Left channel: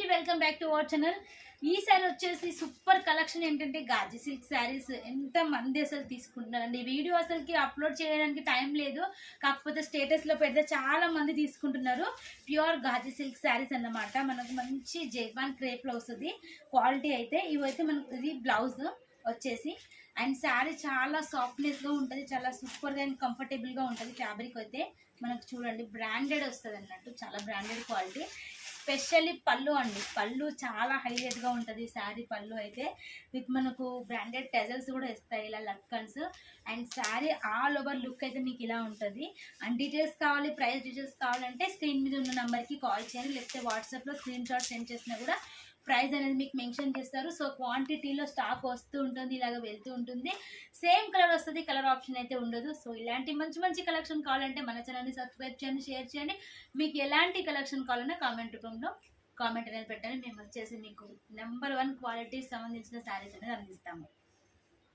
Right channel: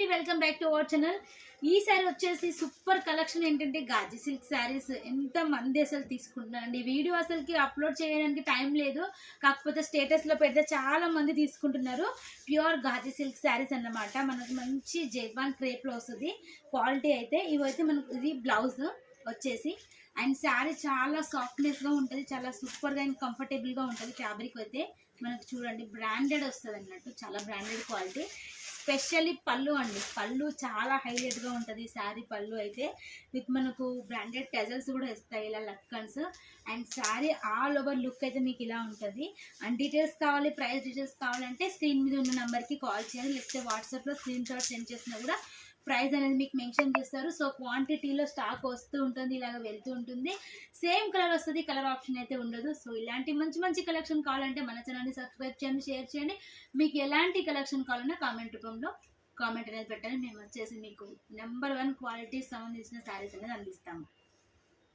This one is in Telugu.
అండి, welcome back to our channel. ఈ సారీ వచ్చేసి సూపర్ కలెక్షన్. ఏంటంటే గాజీ సిల్క్ శారీస్ ఎంత మంది అసలు తీసుకుంటున్నారండి. వీడియో అసలుకి అప్లోడ్ చేయడానికి టైం లేదు, కాకపోతే స్టేటస్లో పెడితే చాలా మంది తీసుకుంటున్నారు. ప్యూర్ గాజీ సిల్క్ శారీస్ అన్నమాట. మనకు మంచి జైపాన్ క్రేప్లో వస్తుంది క్వాలిటీ అయితే. ఇవైతే మనకు ఇది బ్లౌజ్ వచ్చేసి, అండ్ శారీ చాలా సాఫ్ట్నెస్గా ఉంటుంది, చాలా సూపర్గా అండ్ కంఫర్టబుల్గా ఉంటుంది. ఫ్యాబ్రిక్ అయితే మనకు చూడండి బ్రాండెడ్ వస్తుంది అన్నట్టు, చాలా బ్రాండెడ్ క్వాలిటీ. స్పెషల్లీ పళ్ళు అండి, పళ్ళు చాలా హైలైట్గా ఉంటుంది శారీ పళ్ళు అయితే. విత్ మనకు బ్రాండెడ్ టెజల్స్ కూడా ఇస్తాయి, ఇలా లక్కన్స్. And sari all over look అయితే మీకు ఇలా ఉంటుంది. అండ్ డీటెయిల్స్ కావాలి, ప్రైస్ డీటెయిల్స్ కావాలంటే స్క్రీన్ మీద ఉన్న నెంబర్కి కాల్ చేయాలి, లేకపోతే వాట్సాప్లో స్క్రీన్ షాట్ సెండ్ చేసినా కూడా ప్రైస్ అనేది మీకు మెన్షన్ చేస్తారు. సో క్వాంటిటీలో స్టాక్ వస్తూ ఉంటుంది, ఇలాగ వెళ్తూ ఉంటుంది. సేమ్ కలర్ వస్తుంది, కలర్ ఆప్షన్ అయితే ఉండదు. సో ఇలాంటి మంచి మంచి కలెక్షన్ కావాలంటే మన ఛానల్ని సబ్స్క్రైబ్ చేయండి, షేర్ చేయండి. మీకు ఎలాంటి కలెక్షన్ కావాలన్నా కామెంట్ రూపంలో కామెంట్ అనేది పెట్టండి. మేము వచ్చేసి మీకు నెంబర్ 1 క్వాలిటీకి సంబంధించిన శారీస్ అనేది అందిస్తాము.